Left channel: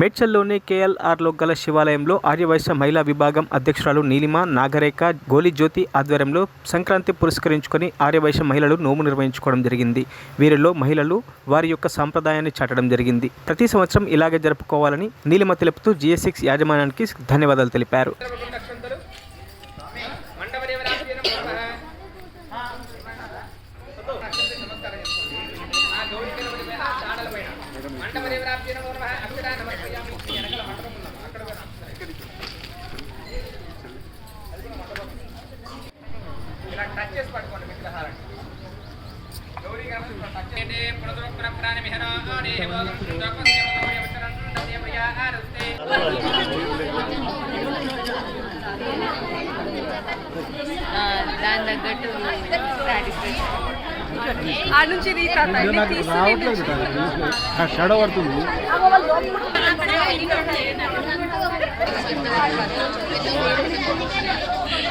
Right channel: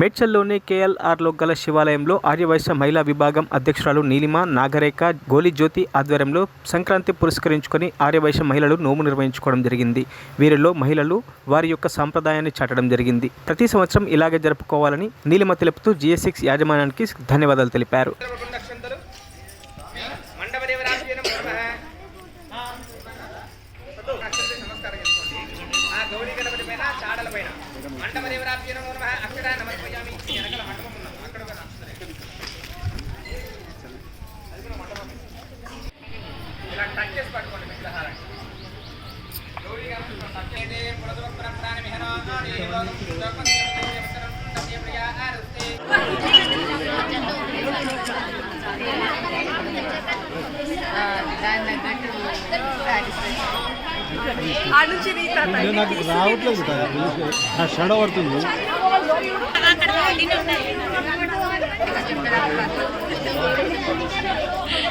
మేడ్చల్లోని కేఎల్ఆర్లో గల శివాలయంలో ఆర్యవైశ్య మహిళా విభాగం అధ్యక్షురాలు నీలిమ నాగరేఖ గోలి జ్యోతి ఆధ్వర్యంలో సంక్రాంతి పురస్కరించుకొని ఆర్యవైశ్య మహిళలు నోము నిర్వహించుకోవడం జరిగింది. వీరిలో మహిళలు వారి యొక్క సాంప్రదాయాన్ని చాటడం జరిగింది. ప్రతి సంవత్సరం ఇలాగే జరుపుకోవాలని నీలిమ తెలుపుతూ GS6 యాజమాన్యానికి ధన్యవాదాలు తెలిపారు.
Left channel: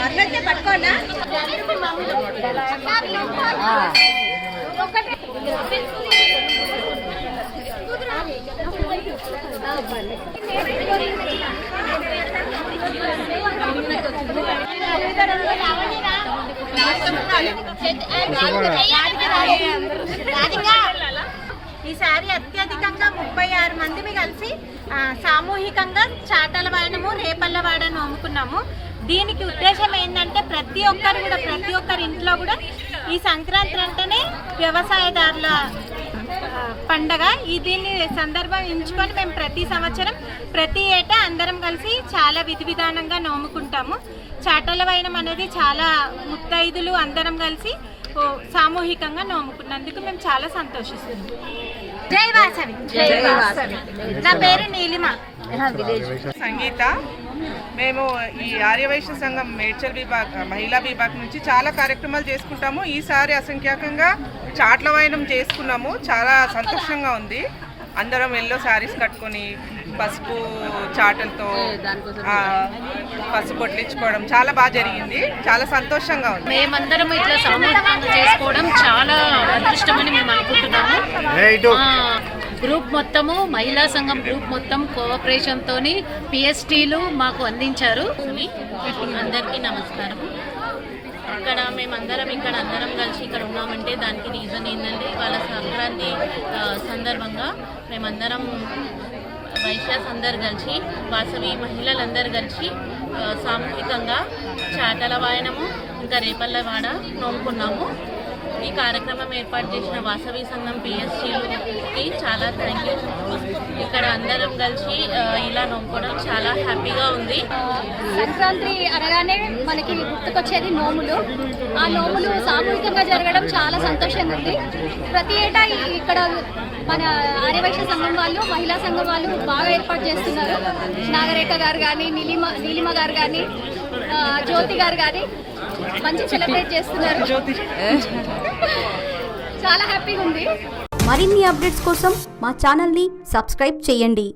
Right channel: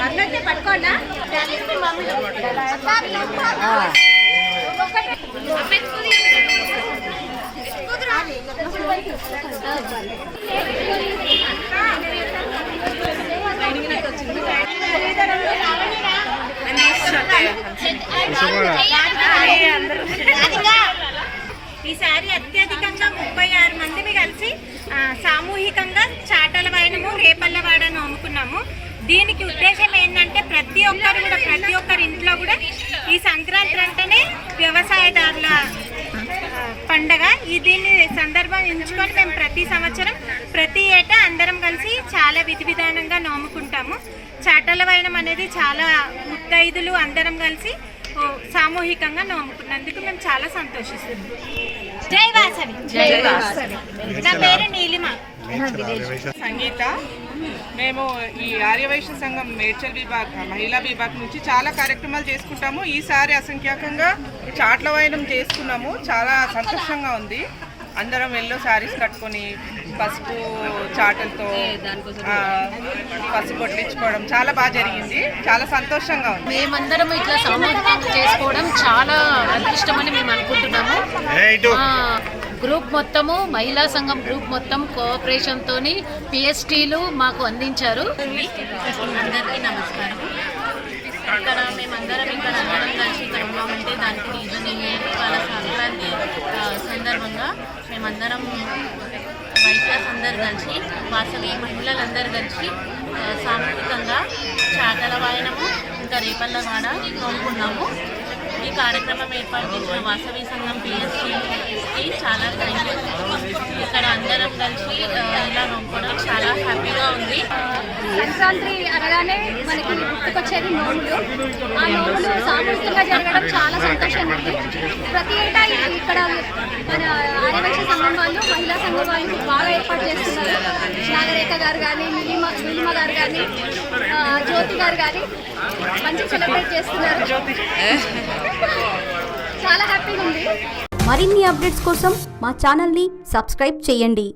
అందరికీ పట్టుకోనా ఈసారి అత్యధికంగా 36 మందిని కలిసి సామూహికంగా చాటల వాయనము రేపల్ల వాడ నోముకున్నాము. దీనికి ఉద్దేశం ఏంటంటే ప్రతి ఒక్కరి ఇంట్లో కూడా ఈ సంక్రాంతి అంటేనే వ్యవసాయదారుల పండగ. దీన్ని సందర్భం ఎంచుకొని మేము ప్రతి సంవత్సరం ప్రతి ఏటా అందరం కలిసి చాలా విధి విధానంగా నోముకుంటాము. చాటల వైనం అనేది చాలా ముత్తైదులు అందరం కలిసి సామూహికంగా నోముకున్నందుకు మేము చాలా సంతోషిస్తున్నాం. జై వాసవి. నా పేరు నీలిమ. సంగీత. మేము ఈ ఆర్యవైశ్య సంఘం మేడ్చల్ మహిళా విభాగం నుంచి చాలా కార్యక్రమాలు చేసుకుంటాము. ఈసారి అసంఖ్యాకంగా చాట్ల వాయనం చేసుకున్నాము. చాలా సంతోషంగా ఉంది. అందరం ఎల్లో శారీస్ కట్టుకొని పసుపు చాటలతో పసుపు కొట్టించుకోవడం చాలా బాగా జరిగింది. చాలా సంతోషంగా ఉంది. మేమందరం ఇట్లా సామూహికంగా చేసుకోవడం చాలా అదృష్టమని మేము అనుకుంటున్నాము. గ్రూప్ మొత్తము మహిళా సంఘం గ్రూప్ మొత్తం కోఆపరేషన్తో PSTలు మాకు అందించారు. అందరికీ నమస్కారం. మేమందరం అందరం కలిసి ఇక్కడ ఉన్నామంటే దానికి రీజన్ ఏంటంటే వాళ్ళ సంక్రాంతి సందర్భంగా మేమందరం వైశ్యాస్ అందరు కలిసి వాసవి మహిళలందరూ కలిసి సామూహికంగా చాటల వాయనము ఇంకా రేపల్ల వాడ నోముకున్నాము. ఈ కార్యక్రమం ఏర్పాటు చేసిన వాసవి సంఘం PSTకి చాలా థ్యాంక్ యూ. ఇక్కడ అందరం కలిసి ఇలా నోముకోవడం చాలా హ్యాపీగా ఉంది. సంక్రాంతి అనగానే మనకి గుర్తుకొచ్చేది నోములు. ఆ నోములు సామూహికంగా జరగడం చాలా సంతోషంగా ఉంది. ప్రతి ఏటా ఇక్కడ మన ఆర్యవైశ్య సంఘం వాళ్ళు మహిళా సంఘం వాళ్ళు బాగా ఏర్పాటు చేస్తున్నారు. నాగరేఖ గారు కానీ నీలిమ గారు కానీ జ్యోతి గారు కానీ మంచిగా సెలబ్రేట్ చేస్తున్నారు. చాలా హ్యాపీగా ఉంది. మరిన్ని అప్డేట్స్ కోసం మా ఛానల్ని సబ్స్క్రైబ్ చేయండి.